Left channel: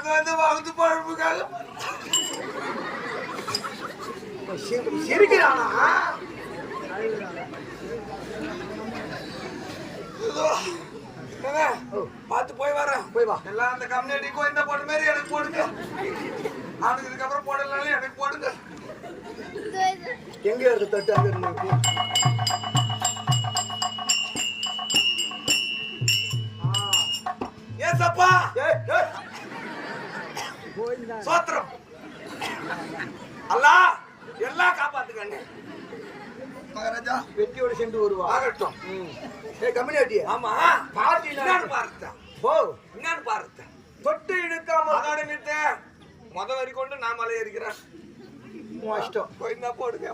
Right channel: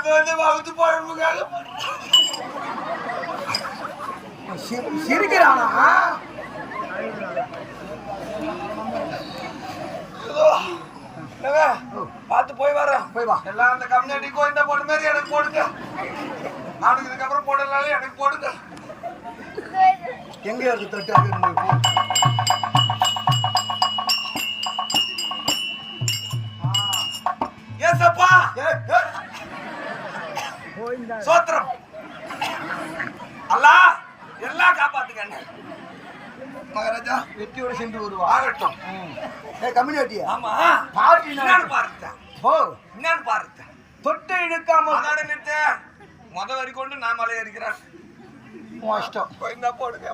வந்து வகுத்து பழப்புக்காக சிரிக்கிறானா? பார்த்து போய் வரேன். போய் வா. எல்லாம் அந்த கம்யூனிட்டி கோயிந்த போட்ட மாதிரி எனக்கு போடுங்க. அவனுக்கு இதுக்கப்புறம் போடலாம் எனக்கு போடுங்க. எங்க இருக்கு தொட்டு? ஏசப்பா சோத்திரம் அல்லா எல்லாம் காப்பாத்துங்க. மகாராஜா வெற்றியோடு சென்று வருவா. ஆகட்டும். கம்யூனிட்டியா? ஆமா பாருங்க பாருங்க போ. என்னன்னு பாருங்க. தொட்டு இழுக்காம முத வரி கொண்டு நான் மலை ஏறிக்கிறேன். இஷ்டம் போய் போடுங்க.